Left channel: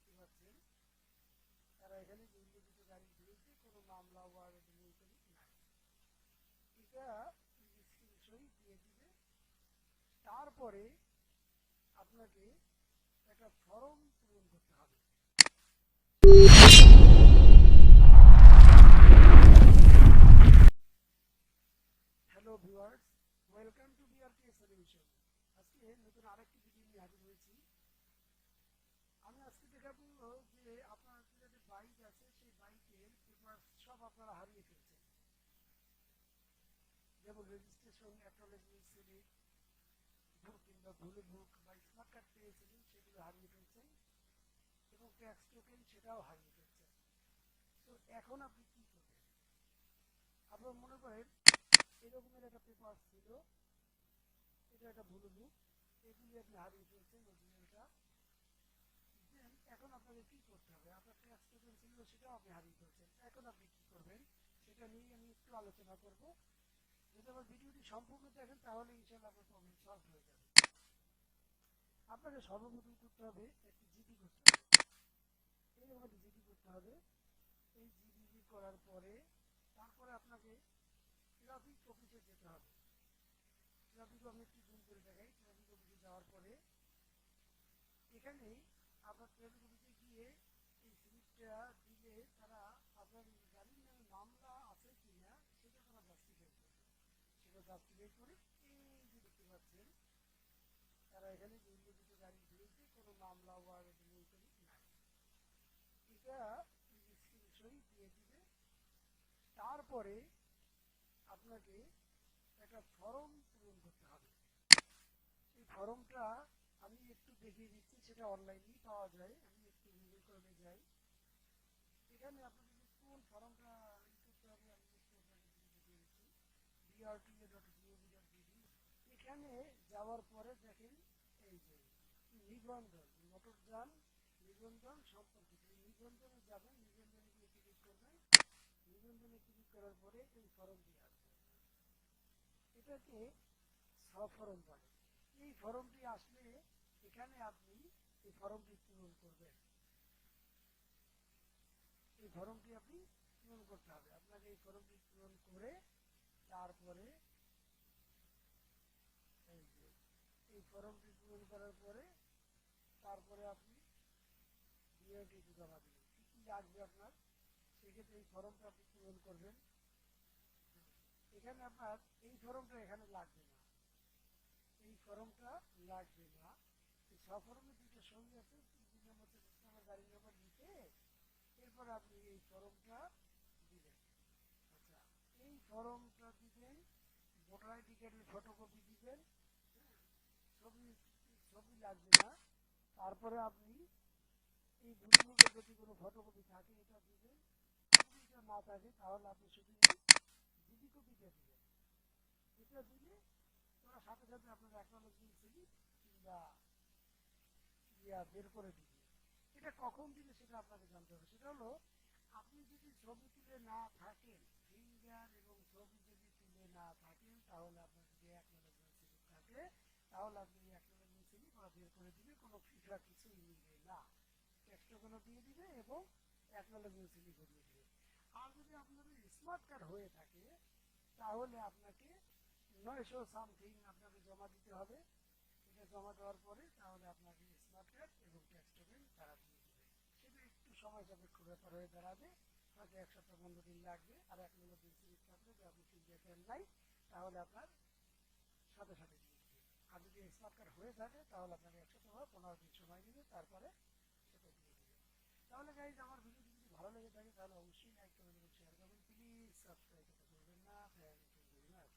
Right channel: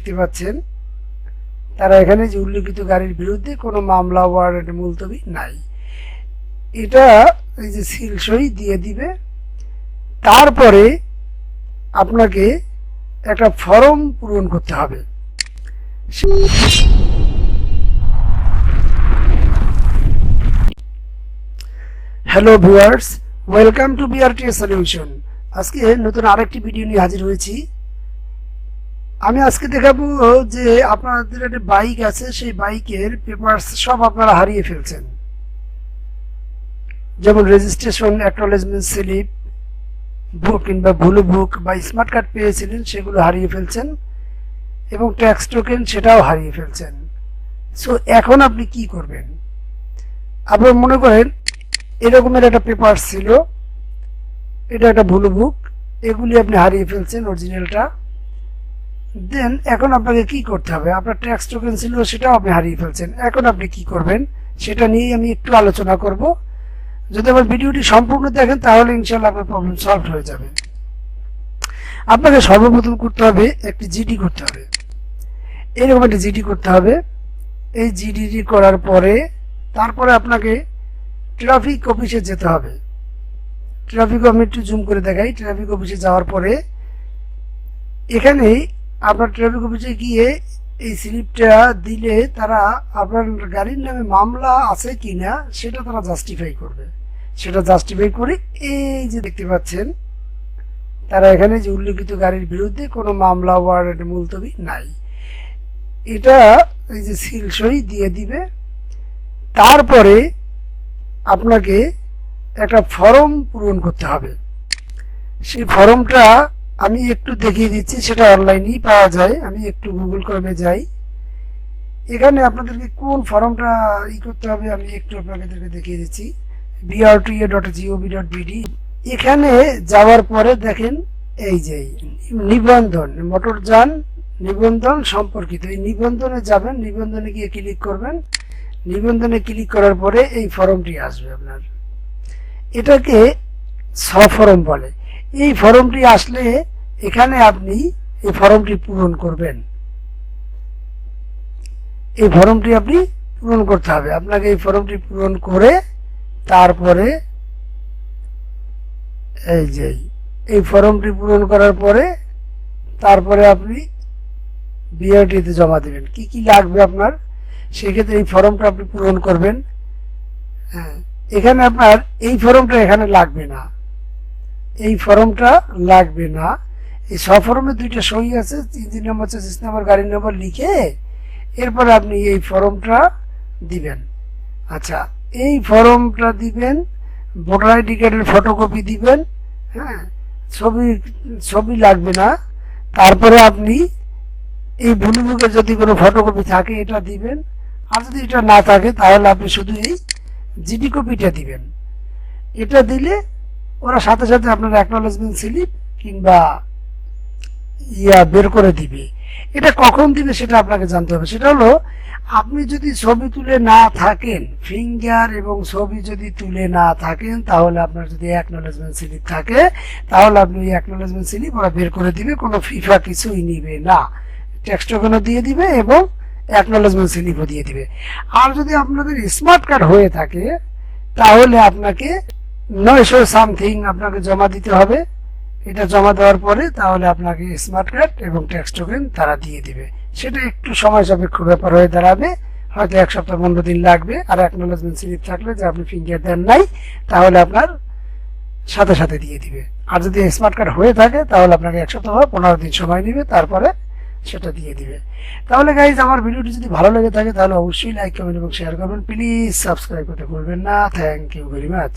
দেখতে পাচ্ছেন তারা এখানে যে উল্লেখিত গাড়ির বিরুদ্ধে কোনো মামলা ওয়ারেন্ট মুলতবি নাই, এটা এই যে সিল সই দিয়ে দিবে। তারপরে আপনাকে একটা ফর্ম পূরণ করতে হবে। Hello viewers, welcome to Brta It Solution। আজকে নতুন আরেকটি ভিডিও নিয়ে হাজির হয়েছি। আমি আজকে দেখাবো যে আপনাদের একটা বাইক আছে, সেই বাইকের পেপারস সব আপনারা হারিয়ে ফেলছেন, যেমন রেজিস্ট্রেশন, অ্যাকনোলেজমেন্ট স্লিপ, বুক কিংবা ব্লু বুক বা স্মার্ট কার্ড পেয়েছিলেন, সেগুলো হারিয়ে ফেলছেন এবং ট্যাক্স টোকেন সেটাও হারিয়ে ফেলছেন। সো এখন আপনি কি করবেন? আপনার মনে করেন এরকমের একটা পেপার ছিল, এটা একটা ব্লু বুক, এগুলি আপনি হারিয়ে ফেলছেন অরিজিনালটা। দেন এখন আপনাকে কি করতে হবে? আপনার ট্যাক্স টোকেন ছিল, সেটাও আপনি হারিয়ে ফেলছেন। এখন আপনি কি করবেন সেটা নিয়েই আমি একটু আলোচনা করব। যদি আমার ভিডিওটি সম্পূর্ণ দেখেন তাহলে ইনশাআল্লাহ আপনার প্রবলেম সলভ হয়ে যাবে। আপনাকে সর্বপ্রথম করতে হবে একটি জিডি করতে হবে, এরকম একটা জিডি করতে হবে। এই জিডি করার পরে তারপরে আপনাকে ট্রাফিক অফিসে যেতে হবে। ট্রাফিক, আমি একটু জুম করে দেখাই। ট্রাফিক অফিসে যাওয়ার পরে এখানে আপনার ট্রাফিক অফিসে গিয়ে এই স্লিপটা দিলে তারা আপনার গাড়ির নামে মামলা আছে কিনা সেটা তারা জাস্টিফাই করবে। সেটা জাস্টিফাই করে এই যে দেখতে পাচ্ছেন তারা এখানে যে উল্লেখিত গাড়ির বিরুদ্ধে কোনো মামলা ওয়ারেন্ট মুলতবি নাই, এটা এই যে সিল সই দিয়ে দিবে। তারপরে আপনাকে একটা ফর্ম পূরণ করতে হবে। সেই ফর্মটা আমি একটু দেখিয়ে দিচ্ছি, সেটা অনলাইনেই পাওয়া যায়। আমি একটু গুগল ক্রমে যাই, এখানে আপনাদেরকে কোন ফর্মটা করতে হবে আমি একটু আপনাদেরকে দেখিয়ে দিচ্ছি। brta.gov.bd, এখানে যাওয়ার পরে দেখেন এই যে নিবন্ধন, মোটরযান নিবন্ধন সম্পর্কিত, এই নিবন্ধনে যাবেন। নিবন্ধনে গিয়ে ক্লিক করবেন। নিবন্ধনে ক্লিক করার পরে এই ফর্মটি আসবে আপনার, এটাকে ফর্ম বলে। এই ফর্মটি আসলে এখানে আপনি এই ফর্মটি পূরণ করবেন। এই ফর্মটি আপনি পূরণ করতে হবে। আপনাকে এই ফর্মটি পূরণ করে তারপরে এই যে এই ফর্মটি পূরণ করার পরে তারপরে আপনি বিআরটিতে জমা দেবেন। কি কি লাগবে আপনার, সেক্ষেত্রে এই ফর্মটা আপনি পূরণ করবেন। হ্যাঁ, এখানে আপনার এই ফর্মটা এখানে লাগবে না, এই ফর্মটা লাগবে না। এই ফর্মে দুইটা সই আছে, ইঞ্জিন নাম্বার, চেসিস নাম্বার, গাড়ির নাম্বার লিখে এরপরে আপনি এই ফর্মটা দিবেন। আচ্ছা, এই ফর্মটা দিবেন, ভোটার আইডি কার্ডের ফটোকপি দিবেন। হ্যাঁ, ছবি লাগবে না। তারপরে আপনি এই ব্লু বুকে যদি কোনো ফটোকপি থাকে এটা দিবেন, আর যদি এটা না থাকে তাহলে আপনি শুধু এই জিডি কপিটা দিবেন। এটা দিলে ওরা সাথে সাথে আপনার অ্যাকনোলেজমেন্ট স্লিপ কিংবা বের করে দিবে। এটা কখন দিবে সেটা আপনাকে জানতে হবে। সেটা হলো আপনি যদি ছবি তুলে না থাকেন, ফিঙ্গার এবং ছবি যদি তুলে না থাকেন, তাহলে আপনার যদি অ্যাকনোলেজমেন্ট স্লিপ থাকে তাহলে আপনি ওই অ্যাকনোলেজমেন্ট স্লিপ ওরা বের করে দিবে, কোনো ফিফা কিছুই নিবে না। ট্যাক্স টোকেনও দিয়ে দিবে এবং অ্যাকনোলেজমেন্ট স্লিপও দিয়ে দিবে। আর যদি আপনাদের স্মার্ট কার্ড হয়ে থাকে তাহলে আপনাকে 900 সামথিং আপনাকে জমা দিতে হবে। এটা জমা দেওয়ার পরে তাহলে আপনাকে স্মার্ট কার্ড এবং ট্যাক্স টোকেন তারা দিয়ে দিবে। সেটা একটু সময় সাপেক্ষ ব্যাপার হয়ে দাঁড়াবে, হয়তো 1 সপ্তাহ 15 দিন লাগবে। আর অ্যাকনোলেজমেন্ট স্লিপ থাকলে যে আপনি ফিঙ্গার দেন নাই তাহলে আপনার সাথে সাথে দিয়ে দিবে। আর যদি স্মার্ট কার্ড হয়ে থাকে তাহলে আপনাকে 1 সপ্তাহ বা 15 দিন সময় নেবে, তারপরে সেটা দিয়ে দিবে। তাহলে গাইজ, আমার ভিডিওটি যদি ভালো লেগে থাকে তাহলে অবশ্যই লাইক, কমেন্ট এবং শেয়ার করবেন। প্লিজ সাবস্ক্রাইব করতে ভুলবেন না। Thank you very much.